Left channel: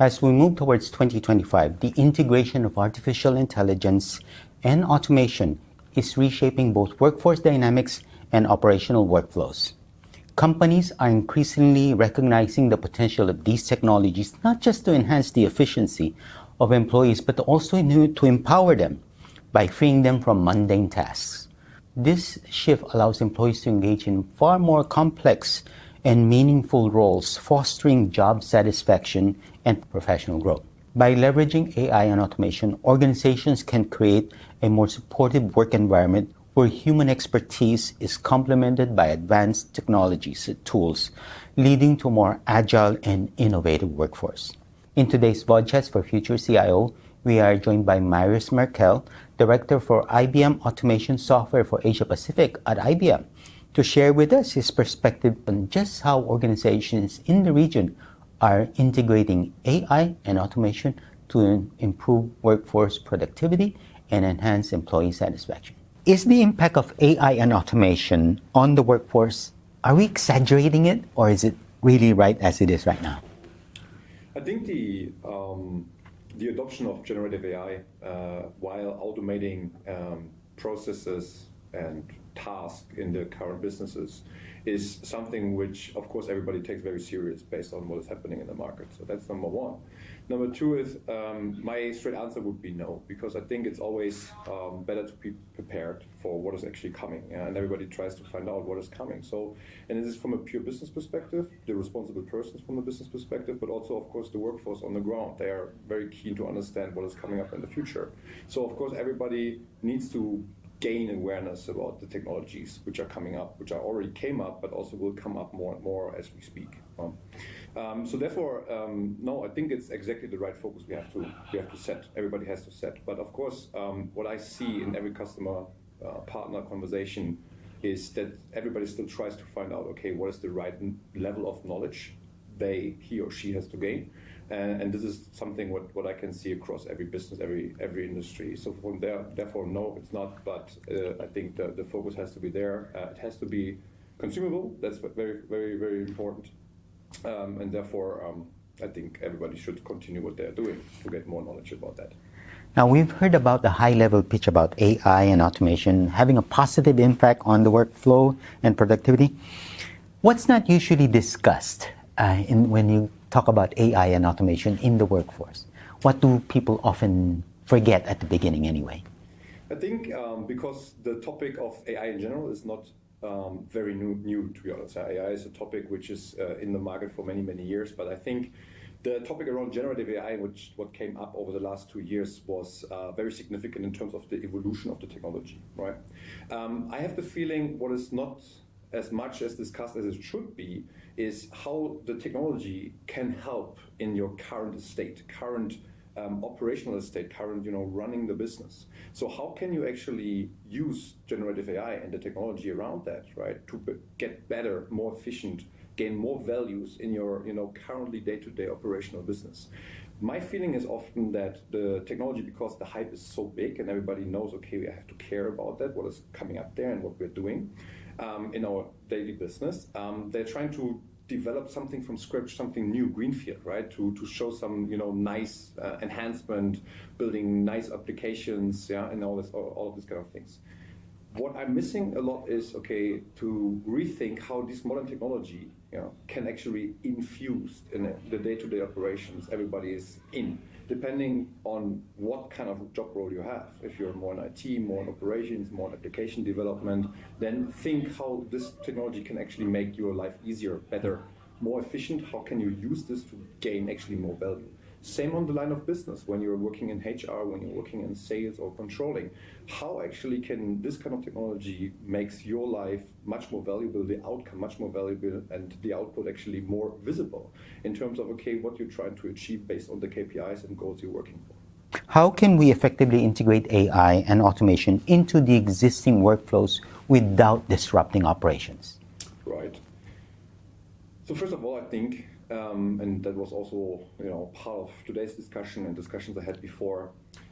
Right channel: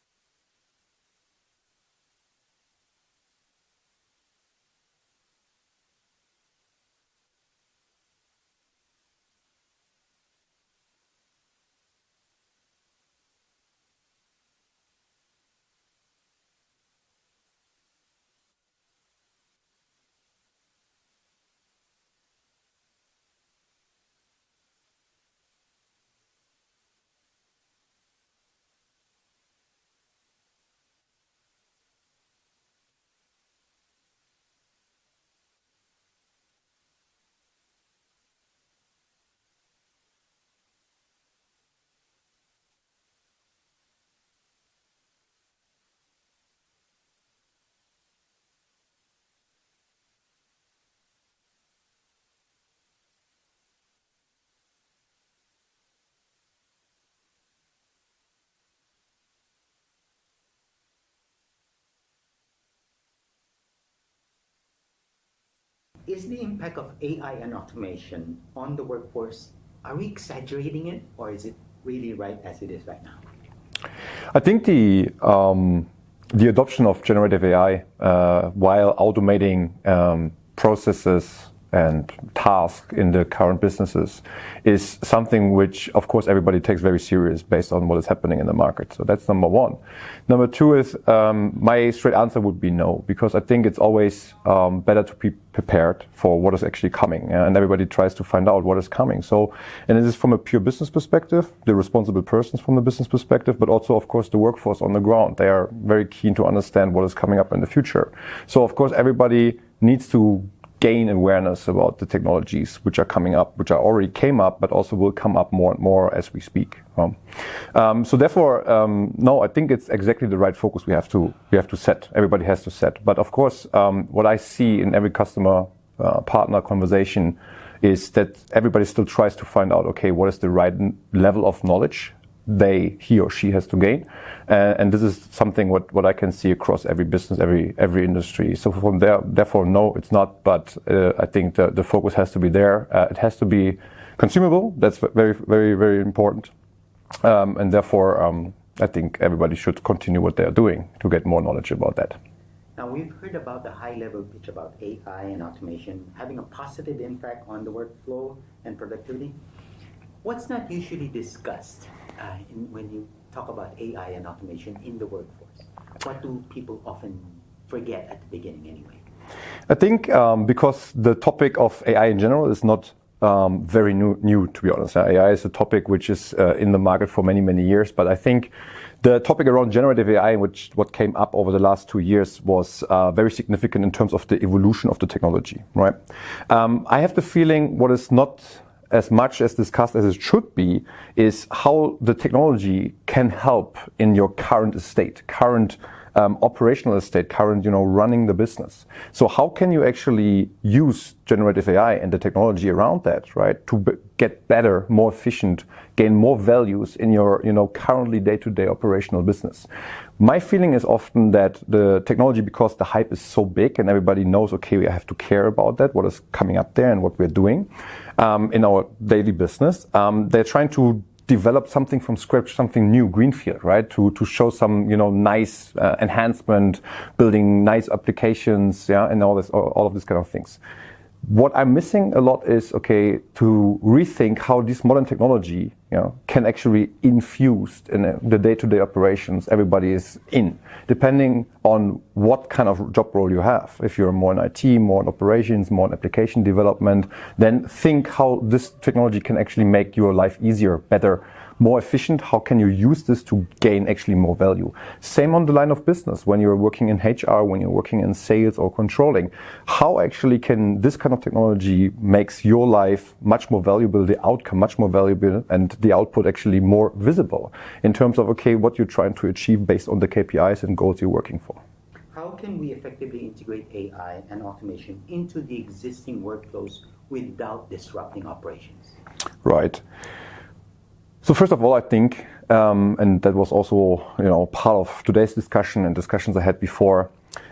As we move towards 2025, the integration of artificial intelligence and automation is reshaping both workforce dynamics and operational workflows. Companies are increasingly recognizing the potential of these technologies not just to enhance the efficiency of employees, but also to empower them by freeing them from mundane tasks. This shift allows employees to engage in far more complex and meaningful roles, fostering job satisfaction and professional growth. By leveraging AI and automation, organizations can create a more supportive work environment where human expertise is complemented by advanced technologies and tools, leading to a more agile and innovative workforce. In today's podcast for Future CIO, we are joined by Marius Merkel, Director for IBM Automation Software for Asia Pacific at IBM, to share with us his perspective on just how organizations in the region are integrating AI and automation to improve workforce productivity and enhance employee satisfaction. Is the impact of AI and automation on the workforce, are we exaggerating it, or is it really right as it is right now? I think the adoption of generative AI while automating processes and tasks in the current businesses is something which, of course, everybody takes very serious based on what is happening in the market. So that's number one. Number two is my straight answer would be no, because I think it's always better to be prepared for what is actually coming, and everybody tries to find out what is coming. So, and it is from a pure business perspective, the responsible persons from the business perspective, but also, of course, the workforce on the ground. They are very keen to understand what is coming up in the future. So, of course, everybody needs to gain awareness about the technologies which are coming up, which are already came up, but also will come up more and more as we speak. So therefore, no, I think it's exactly the right focus we have to set. Everybody has to set. But of course, what I see in every customer partner conversation is that everybody still tries to find out, okay, what is the right level of knowledge he or she has to gain. And this is something what I can see across every business, every industry. So from there, therefore, no, it's not. But I think the focus has to be there. It has to be consumable. That's very, very, very important. And therefore, I think everybody should continue what they're doing to get more knowledge about that. Now, we've heard about the high-level pitch about AI and automation having a positive impact on the workflow and productivity. What's not usually discussed when you talk about AI and automation in the workforce? What do people often forget at the beginning anyway? I think because the topic of AI in general is not very new, to be honest. AI is a topic which is in the market for many, many years. But I think the topic around generative AI, what came up over the last 2 years, was very significant in terms of the evolution of the technology, right? I have the feeling what is not as much as discussed as it should be is how the technology can help in your current estate, current operational estate, current running the business. So how can you actually use generative AI and the technology around that, right, to get better, more efficient, gain more values in your currently day-to-day operational business? My feeling is often that the technology, because the hype is so big and everybody knows, okay, we have to care about that, what is coming up there and what we're doing in our daily business, they're trying to develop something from scratch, something new, greenfield, right? To show some nice enhancement, building nice applications, and all of these kind of things. What I'm missing a lot is, okay, to rethink how this modern technology can actually infuse in the day-to-day operations everybody is in, depending on what kind of job role you have. If you're more in IT, more in operations, more in application development, then think how this technology can actually make your life easier, better, more efficient. How can you use this to gain actually more value? Same on the line of business, when you're working in HR, when you're working in sales or controlling. How actually can this kind of technology makes your life much more valuable, the outcome much more valuable, and the output actually more visible in terms of, okay, what you're trying to achieve based on the KPIs and goals you're working for. How can we effectively integrate AI and automation into the existing workflows without disrupting operations? Right. So first of all, I think, and that was also part of today's discussion and discussions I had before,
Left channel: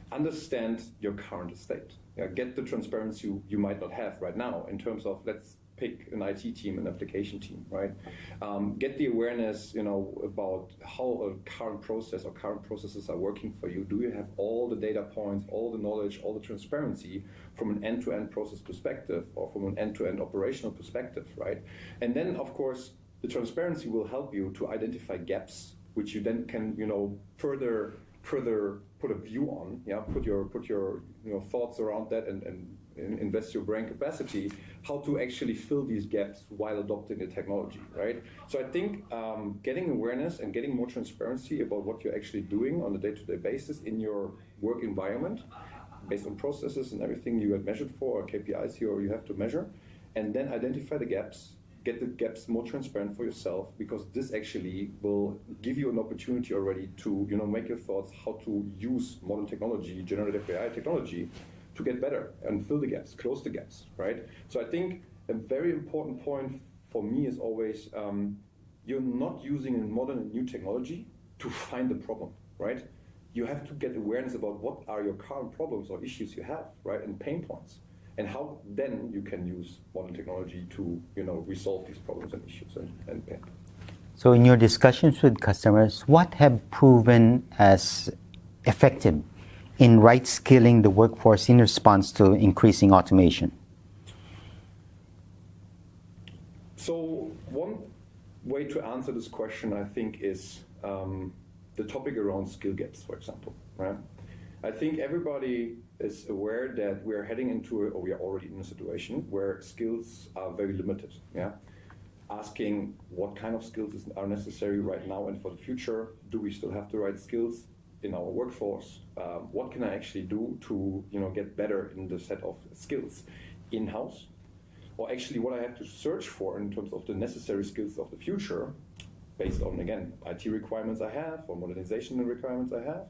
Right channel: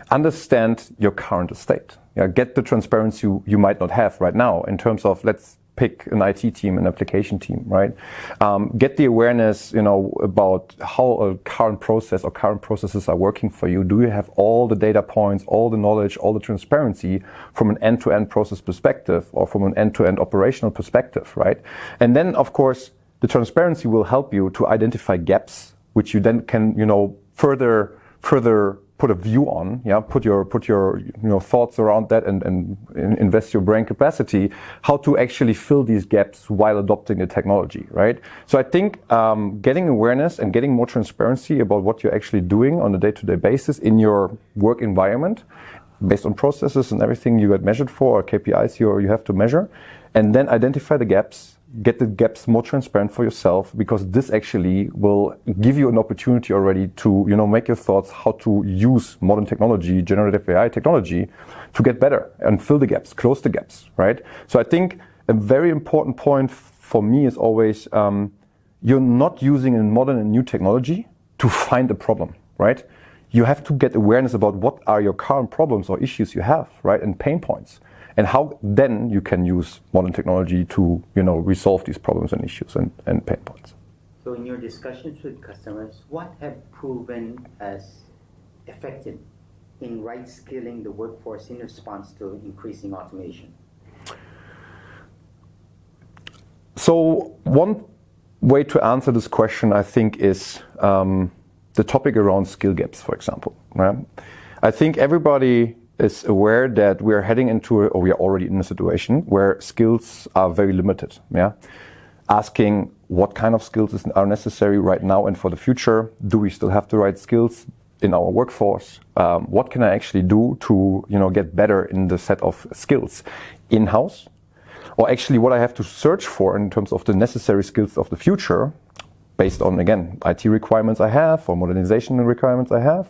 understand your current estate. Get the transparency you might not have right now in terms of, let's pick an IT team, an application team, right? Get the awareness, about how a current process or current processes are working for you. Do you have all the data points, all the knowledge, all the transparency from an end-to-end process perspective or from an end-to-end operational perspective, right? And then, of course, the transparency will help you to identify gaps, which you then can, further put a view on, put your thoughts around that and invest your brain capacity, how to actually fill these gaps while adopting the technology, right? So I think getting awareness and getting more transparency about what you're actually doing on a day-to-day basis in your work environment, based on processes and everything you get measured for, or KPIs you have to measure, and then identify the gaps, get the gaps more transparent for yourself, because this actually will give you an opportunity already to make your thoughts how to use modern technology, generative AI technology, to get better and fill the gaps, close the gaps, right? So I think a very important point for me is always you're not using a modern and new technology to find a problem, right? You have to get awareness about what are your current problems or issues you have, right, and pain points. And how then you can use modern technology to resolve these problems and issues and pain points. So in your discussions with customers, what have proven as effective in right skilling the workforce in response to increasing automation? So one way to answer this question, I think, is the topic around skill gaps, for example. Right? I think everybody is aware that we are heading into, or we are already in a situation where skills are very limited. Yeah, asking what kind of skills are necessary right now and for the future. Do we still have the right skills in our workforce? What can I actually do to get better in the set of skills in-house? Or actually what I have to search for in terms of the necessary skills of the future, based on, again, IT requirements I have or modernization requirements I have.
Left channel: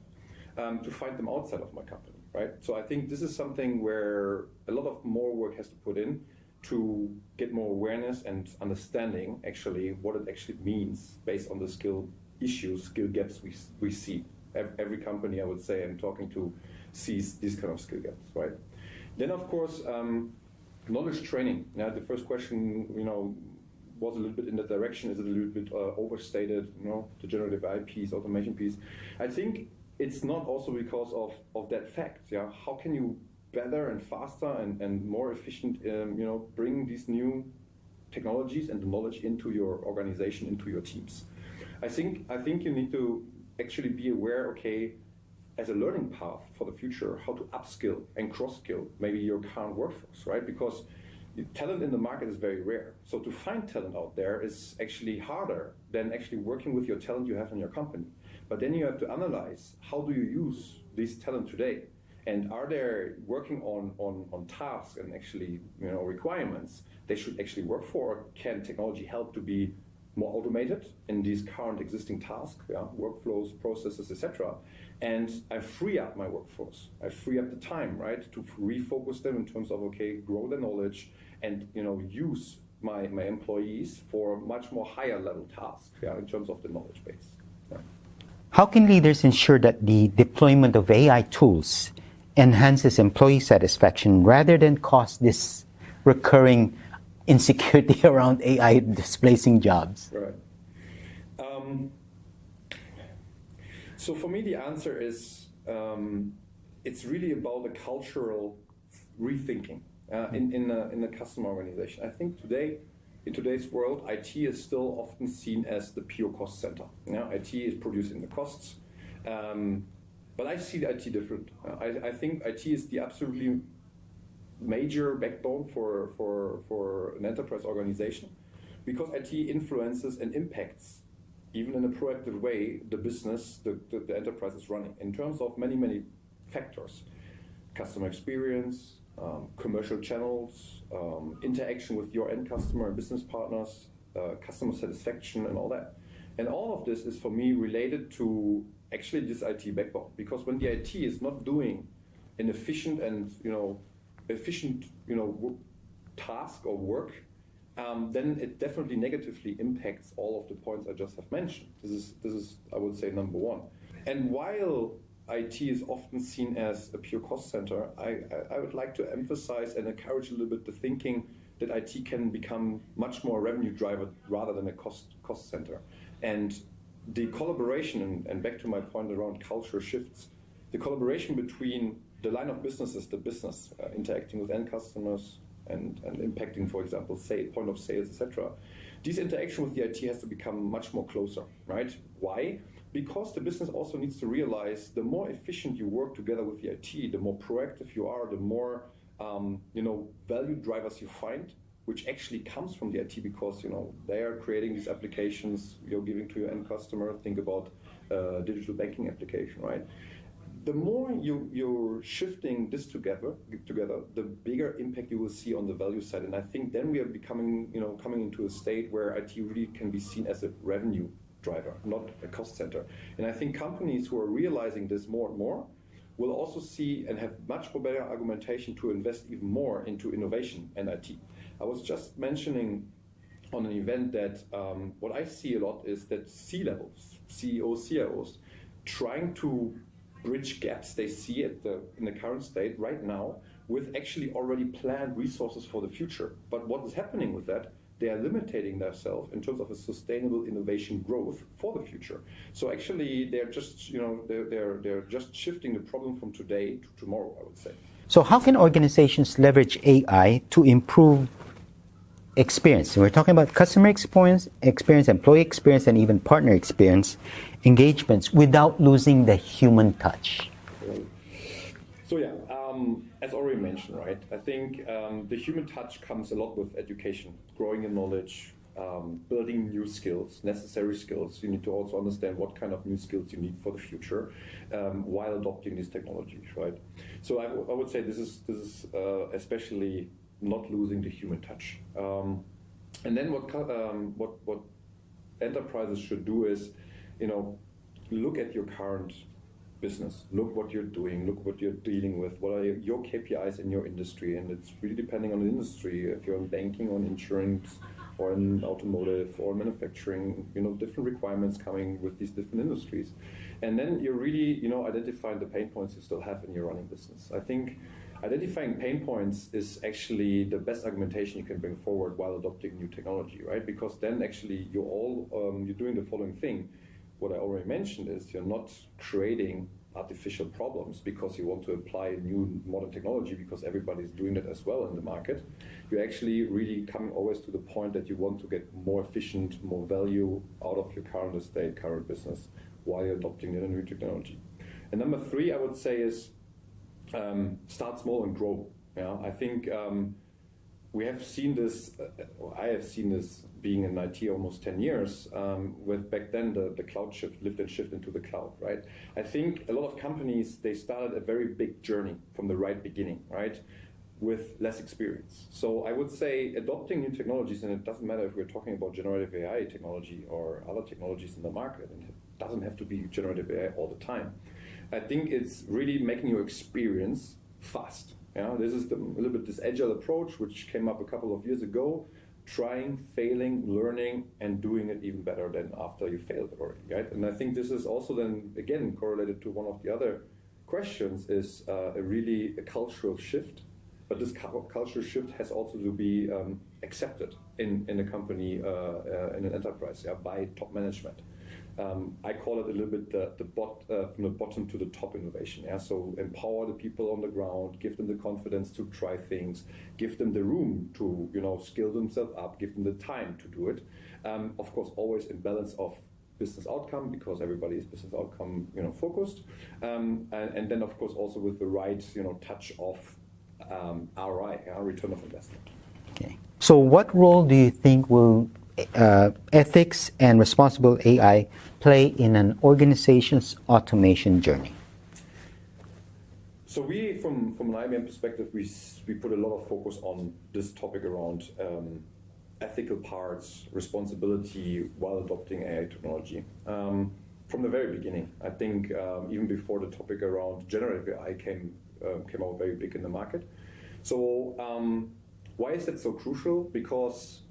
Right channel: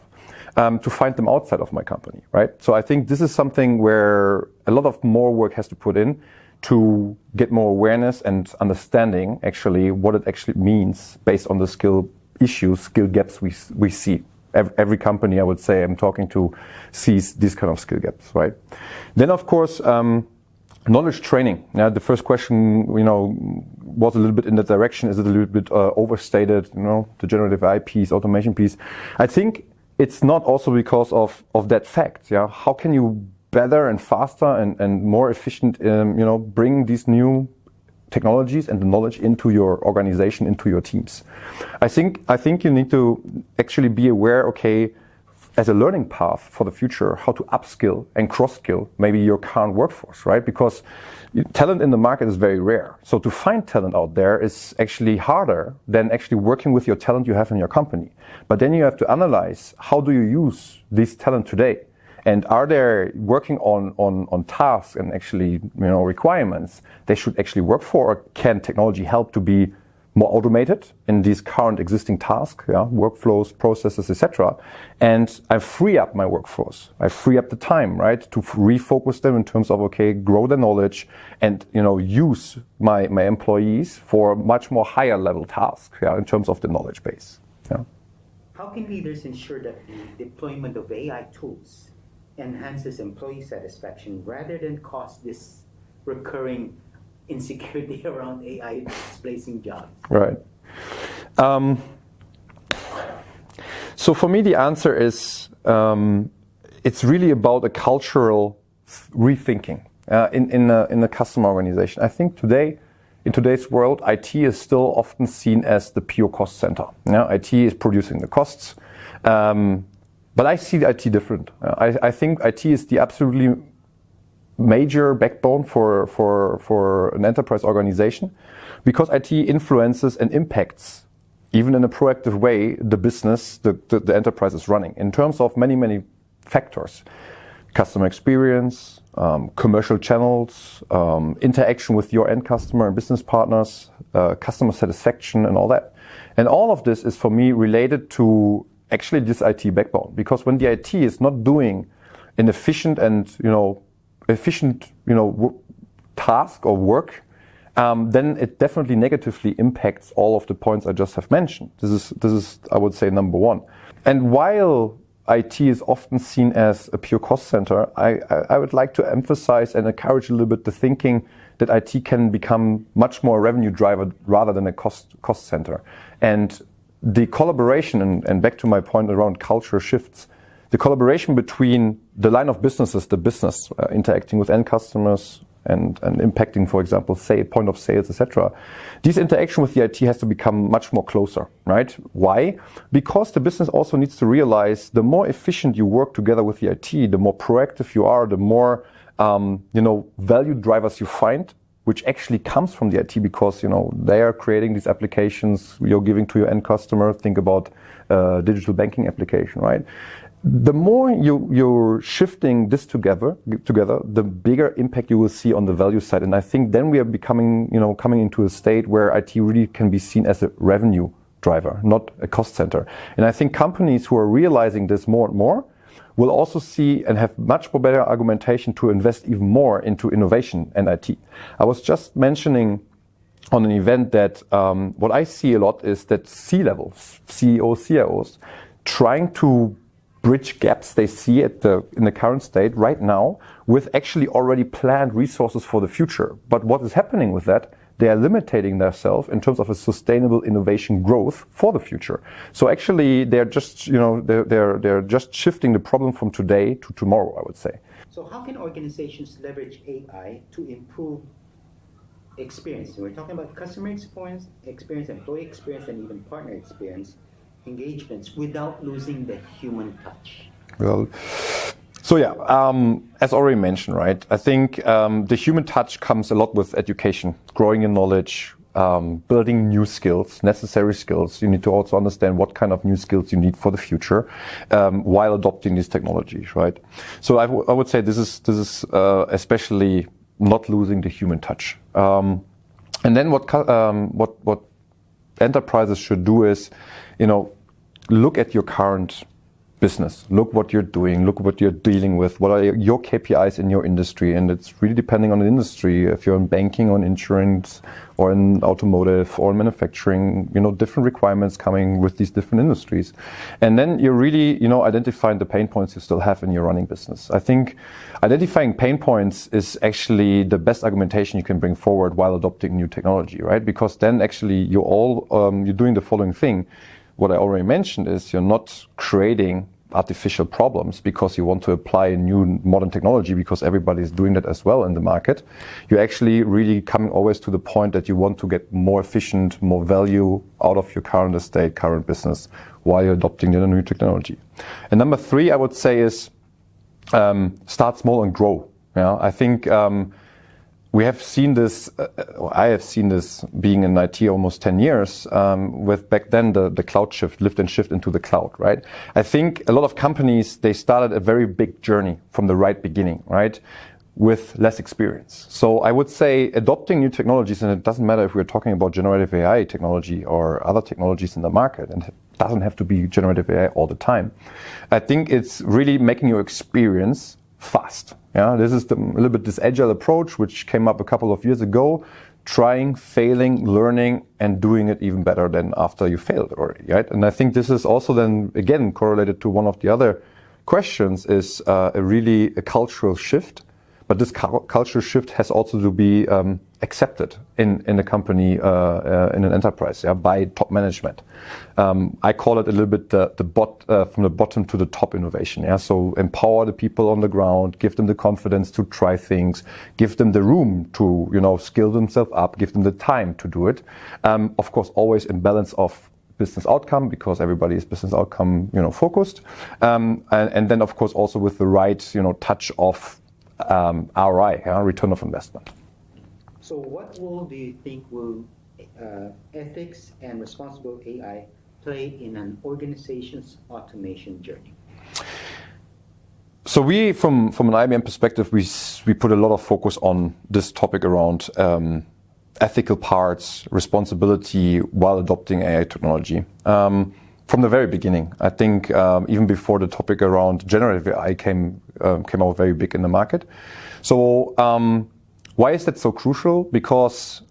To find them outside of my company, right? So I think this is something where a lot of more work has to put in to get more awareness and understanding actually what it actually means based on the skill issues, skill gaps we see. Every company I would say I'm talking to sees these kind of skill gaps, right? Then of course, knowledge training. Yeah, the first question, was a little bit in that direction. Is it a little bit overstated? The generative AI piece, automation piece. I think it's not also because of that fact. Yeah, how can you better and faster and more efficient, bring these new technologies and the knowledge into your organization, into your teams? I think you need to actually be aware, okay, as a learning path for the future, how to upskill and cross-skill maybe your current workforce, right? Because talent in the market is very rare. So to find talent out there is actually harder than actually working with your talent you have in your company. But then you have to analyze, how do you use this talent today? And are they working on tasks and actually requirements they should actually work for? Or can technology help to be more automated in these current existing tasks, workflows, processes, etc. And I free up my workforce. I free up the time, right, to refocus them in terms of, okay, grow the knowledge and use my employees for much more higher level tasks, in terms of the knowledge base. Yeah. How can leaders ensure that the deployment of AI tools enhances employee satisfaction rather than cause this recurring insecurity around AI displacing jobs? Right. So for me, the answer is it's really about a cultural rethinking in a customer organization. I think in today's world, IT is still often seen as the pure cost center. IT is producing the costs, but I see the IT different. I think IT is the absolutely major backbone for an enterprise organization, because IT influences and impacts, even in a proactive way, the business the enterprise is running in terms of many factors: customer experience, commercial channels, interaction with your end customer and business partners, customer satisfaction, and all that. And all of this is, for me, related to actually this IT backbone, because when the IT is not doing an efficient task or work, then it definitely negatively impacts all of the points I just have mentioned. This is I would say, number one. And while IT is often seen as a pure cost center, I would like to emphasize and encourage a little bit the thinking that IT can become much more a revenue driver rather than a cost center. And the collaboration, and back to my point around culture shifts, the collaboration between the line of businesses, the business interacting with end customers and impacting, for example, say point of sales, etc. This interaction with the IT has to become much more closer, right? Why? Because the business also needs to realize the more efficient you work together with the IT, the more proactive you are, the more value drivers you find, which actually comes from the IT because they are creating these applications you're giving to your end customer. Think about digital banking application, right? The more you're shifting this together, the bigger impact you will see on the value side. And I think then we are becoming, coming into a state where IT really can be seen as a revenue driver, not a cost center. And I think companies who are realizing this more and more will also see and have much more better argumentation to invest even more into innovation and IT. I was just mentioning on an event that what I see a lot is that C-levels, CEOs, CIOs, trying to bridge gaps they see in the current state right now with actually already planned resources for the future. But what is happening with that? They are limiting themselves in terms of a sustainable innovation growth for the future. So actually, they're just they're just shifting the problem from today to tomorrow, I would say. So how can organizations leverage AI to improve experience? And we're talking about customer experience, employee experience, and even partner experience engagements without losing the human touch. Well, so yeah, as already mentioned, right? I think the human touch comes a lot with education, growing in knowledge, building new skills, necessary skills. You need to also understand what kind of new skills you need for the future while adopting these technologies, right? So I would say this is especially not losing the human touch. And then what enterprises should do is, look at your current business, look what you're doing, look what you're dealing with, what are your KPIs in your industry, and it's really depending on the industry. If you're in banking, or in insurance, or in automotive, or in manufacturing, different requirements coming with these different industries. And then you're really, identifying the pain points you still have in your running business. I think identifying pain points is actually the best argumentation you can bring forward while adopting new technology, right? Because then actually you're doing the following thing. What I already mentioned is you're not creating artificial problems because you want to apply a new modern technology because everybody is doing that as well in the market. You're actually really coming always to the point that you want to get more efficient, more value out of your current estate, current business, while you're adopting the new technology. And number 3, I would say is start small and grow. I think we have seen this, I have seen this being in IT almost 10 years, with back then the cloud shift, lift and shift into the cloud, right? I think a lot of companies, they started a very big journey from the right beginning, right? With less experience. So I would say adopting new technologies, and it doesn't matter if we're talking about generative AI technology or other technologies in the market, and it doesn't have to be generative AI all the time. I think it's really making your experience fast. This is a little bit this agile approach, which came up a couple of years ago, trying, failing, learning, and doing it even better than after you failed already, right? And I think this is also then, again, correlated to one of the other questions, is a cultural shift. But this cultural shift has also to be accepted in a company, in an enterprise, by top management. I call it a little bit from the bottom to the top innovation. So empower the people on the ground, give them the confidence to try things, give them the room to skill themselves up, give them the time to do it. Of course, always in balance of business outcome, because everybody is business outcome focused, and then of course also with the right touch of ROI, return of investment. Okay. So what role do you think will ethics and responsible AI play in an organization's automation journey? So we, from an IBM perspective, we put a lot of focus on this topic around ethical parts, responsibility while adopting AI technology. From the very beginning, I think even before the topic around generative AI came out very big in the market. So why is that so crucial? Because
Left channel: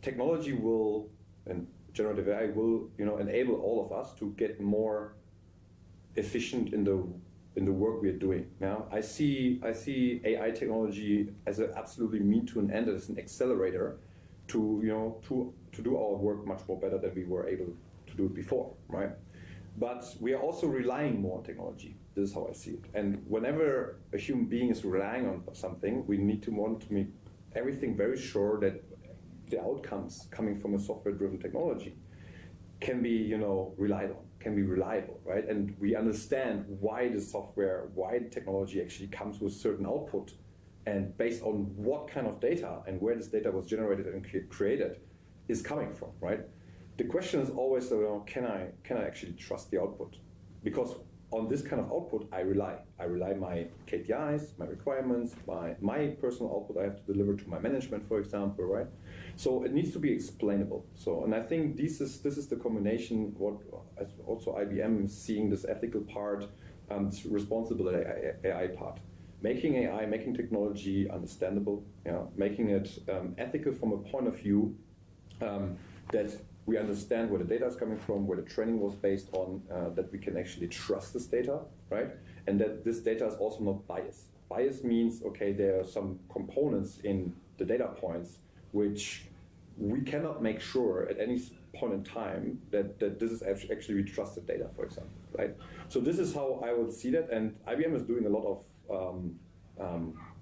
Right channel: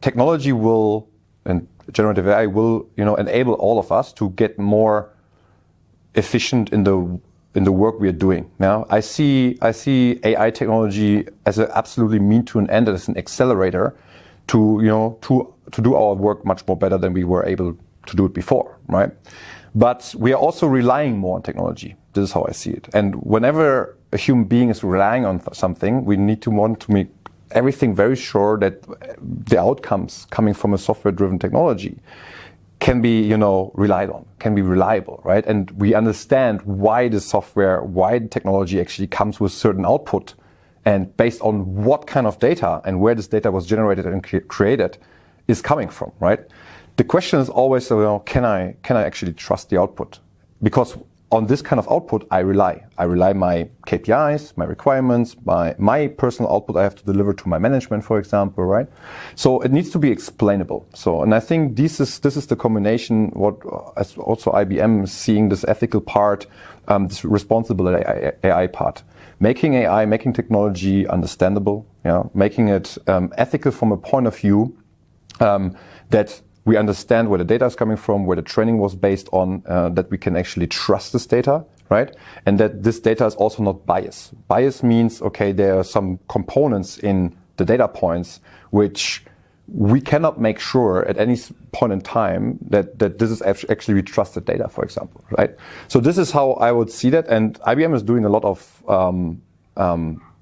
technology will, and generative AI will, enable all of us to get more efficient in the work we are doing. Now, I see AI technology as an absolutely mean to an end, as an accelerator to do our work much more better than we were able to do it before, right? But we are also relying more on technology. This is how I see it. And whenever a human being is relying on something, we need to want to make everything very sure that the outcomes coming from a software-driven technology can be, relied on, can be reliable, right? And we understand why the software, why the technology actually comes with certain output, and based on what kind of data and where this data was generated and created is coming from, right? The question is always, can I actually trust the output? Because on this kind of output, I rely my KPIs, my requirements, my personal output I have to deliver to my management, for example, right? So it needs to be explainable. And I think this is the combination, what as also IBM is seeing, this ethical part, this responsible AI part. Making AI, making technology understandable, making it ethical from a point of view that we understand where the data is coming from, where the training was based on, that we can actually trust this data, right? And that this data is also not biased. Bias means, okay, there are some components in the data points which we cannot make sure at any point in time that this is actually trusted data, for example, right? So this is how I would see that. And IBM is doing a lot of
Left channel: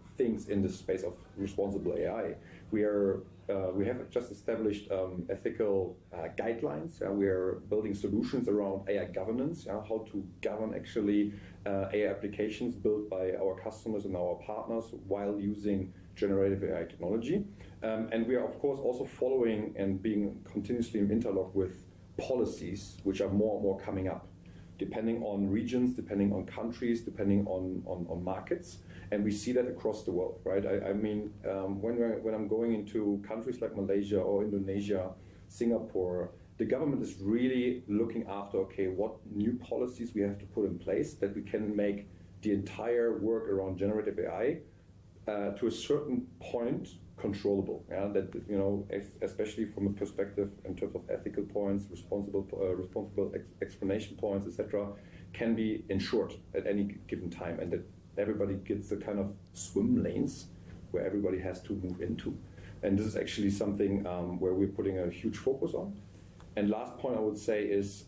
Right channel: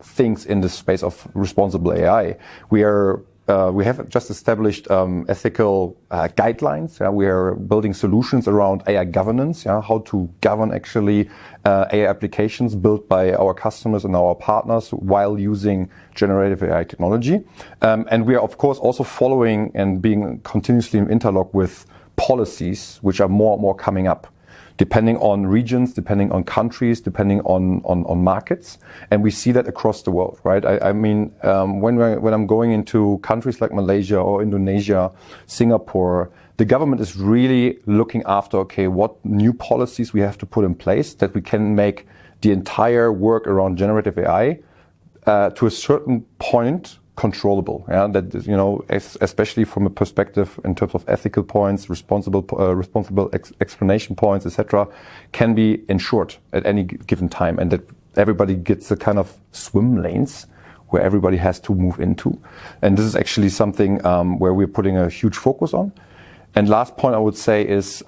things in this space of responsible AI. We have just established ethical guidelines. We are building solutions around AI governance, how to govern actually AI applications built by our customers and our partners while using generative AI technology. And we are, of course, also following and being continuously in interlock with policies which are more and more coming up, depending on regions, depending on countries, depending on markets. And we see that across the world, right? I mean, when I'm going into countries like Malaysia or Indonesia, Singapore, the government is really looking after, okay, what new policies we have to put in place that we can make the entire work around generative AI to a certain point controllable, that especially from a perspective in terms of ethical points, responsible explanation points, etc., can be ensured at any given time, and that everybody gets a kind of swim lanes where everybody has to move into. And this is actually something where we're putting a huge focus on. And last point I would say is,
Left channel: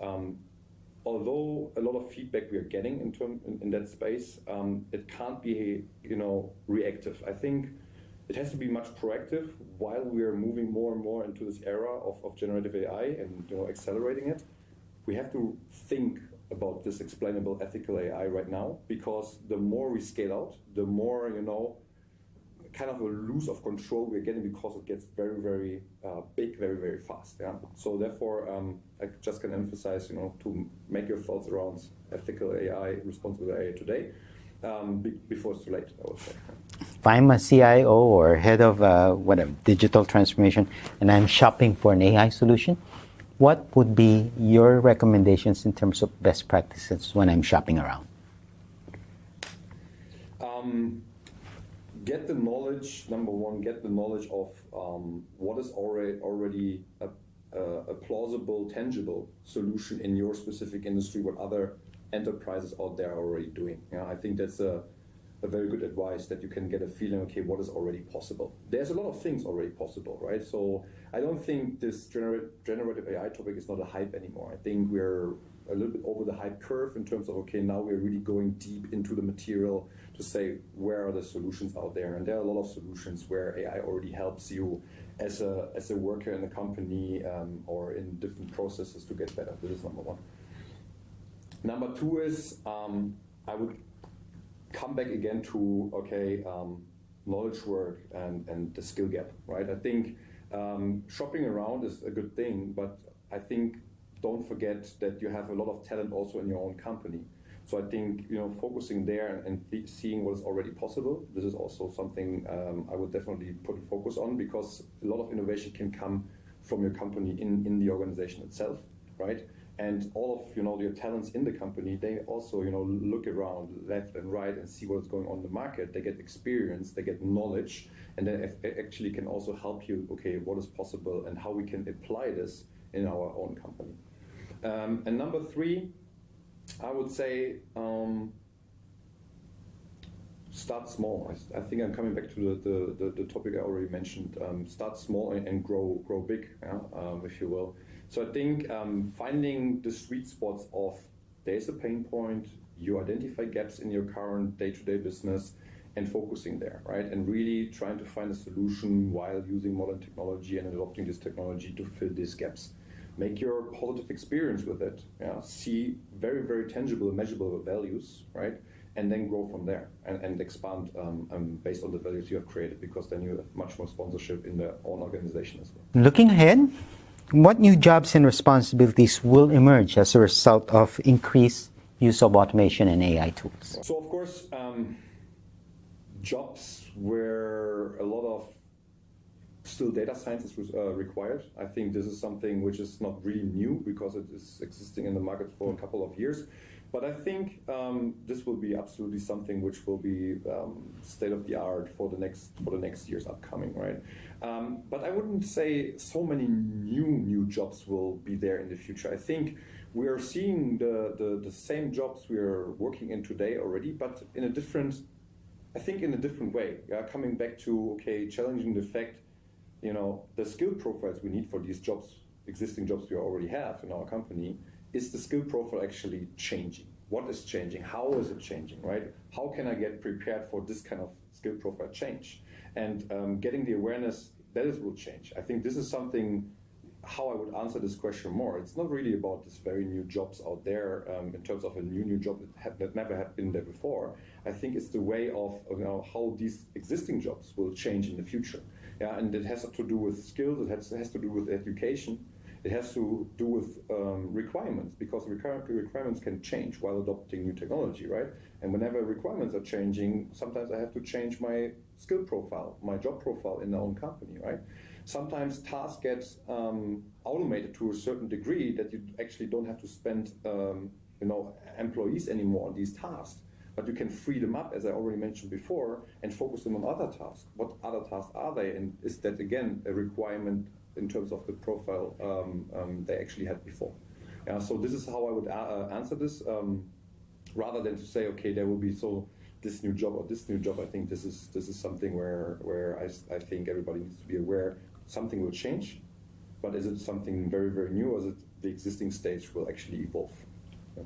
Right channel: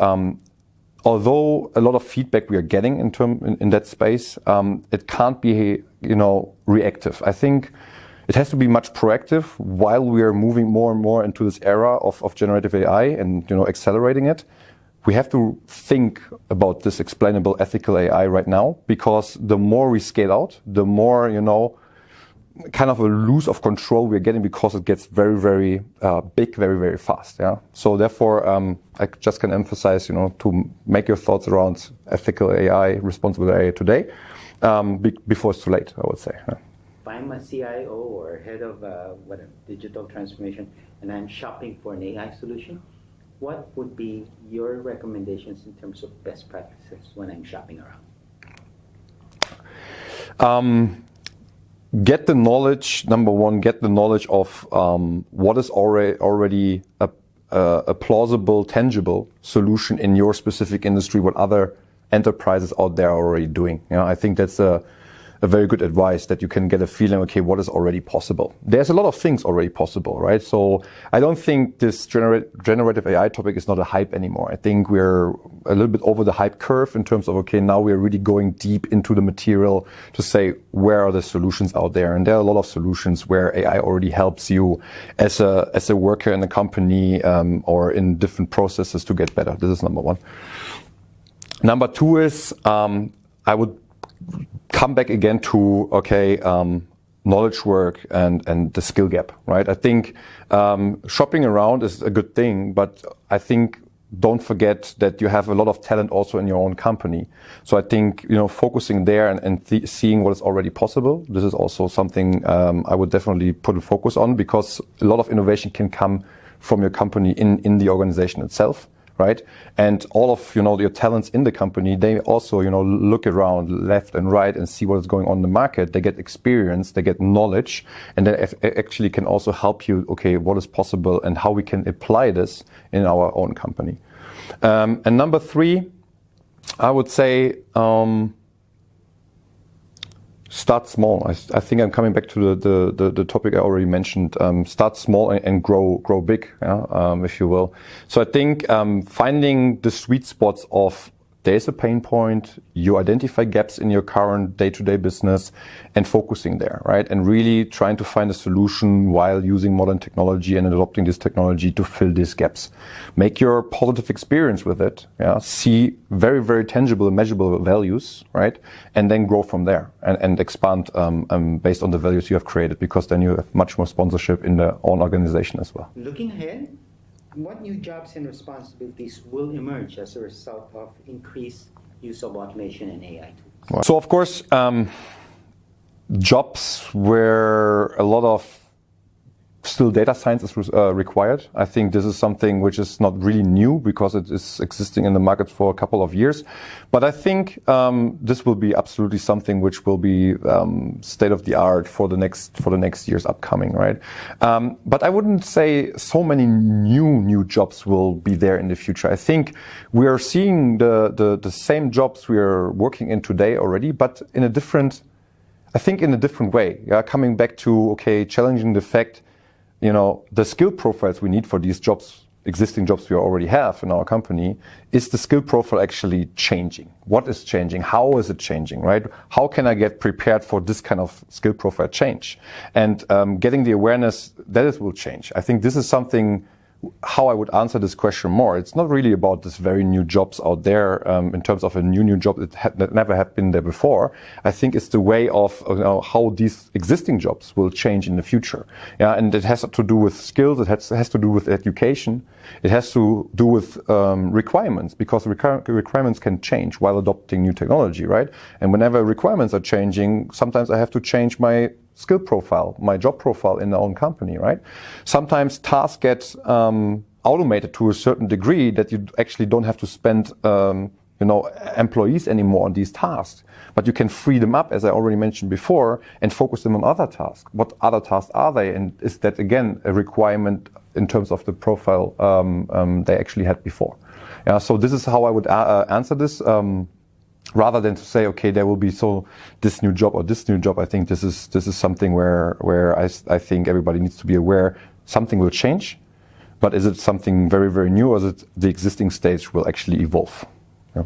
although a lot of feedback we are getting in that space, it can't be reactive. I think it has to be much proactive while we are moving more and more into this era of generative AI and accelerating it. We have to think about this explainable ethical AI right now, because the more we scale out, the more kind of a lose of control we're getting, because it gets very, very big, very, very fast. So therefore, I just can emphasize, to make your thoughts around ethical AI, responsible AI today, before it's too late, I would say. If I'm a CIO or head of whatever digital transformation, and I'm shopping for an AI solution, what would be your recommendations in terms of best practices when I'm shopping around? Get the knowledge. Number one, get the knowledge of what is already a plausible, tangible solution in your specific industry, what other enterprises out there are already doing. I think that's a very good advice, that you can get a feeling, okay, what is already possible. There's a lot of things already possible, right? So I don't think this generative AI topic is not a hype anymore. I think we're a little bit over the hype curve in terms of, okay, now we're really going deep into the material to say, where are the solutions out there? And there are a lot of solutions where AI already helps you as a worker in a company or in different processes to get better. This is number one. Number two is, I would come back again to, okay, knowledge work and the skill gap, right? I think shopping around is a good thing, but I think don't forget that you have a lot of talent also in your own company. So I think, focusing there and seeing what is already possible, this is also something I would definitely put a focus on, because a lot of innovation can come from your company in the organization itself. Right, and all of your talents in the company, they also look around left and right and see what is going on in the market. They get experience, they get knowledge, and they actually can also help you. Okay, what is possible and how we can apply this in our own company. And number three, I would say start small. I think I'm coming back to the topic I already mentioned. Start small and grow big, if you will. So I think finding the sweet spots of there's a pain point, you identify gaps in your current day-to-day business and focusing there, right? And really trying to find a solution while using modern technology and adopting this technology to fill these gaps. Make your positive experience with it, see very, very tangible and measurable values, right? And then grow from there and expand based on the values you have created, because then you have much more sponsorship in the own organization as well. Looking ahead, what new jobs and responsibilities will emerge as a result of increased use of automation and AI tools? So of course, jobs where a lot of still data science is required. I think this is something which is not really new because it is existing in the market for a couple of years. But I think this will be absolutely something which will be state of the art for the next years upcoming, right? But I wouldn't say so many new jobs will be there in the future. I think we are seeing the same jobs we are working in today already, but in a different way. Yeah, coming back to challenging the fact, the skill profiles we need for these jobs, existing jobs we already have in our company, is the skill profile actually changing? What is changing? How is it changing, right? How can I get prepared for this kind of skill profile change? And getting the awareness that it will change. I think this is something, how I would answer this question more. It's not really about this very new jobs out there in terms of a new job that never had been there before. I think it's the way of how these existing jobs will change in the future. Yeah, and it has to do with skills. It has to do with education. It has to do with requirements, because requirements can change while adopting new technology, right? And whenever requirements are changing, sometimes I have to change my skill profile, my job profile in their own company, right? Sometimes tasks get automated to a certain degree that you actually don't have to spend employees anymore on these tasks, but you can free them up, as I already mentioned before, and focus them on other tasks. What other tasks are they? And is that, again, a requirement in terms of the profile they actually had before? Yeah, so this is how I would answer this. Rather than to say, there will be this new job or this new job. I think this is something where I think everybody needs to be aware something will change, but is it something very, very new, or is it the existing stage will actually evolve? Yeah.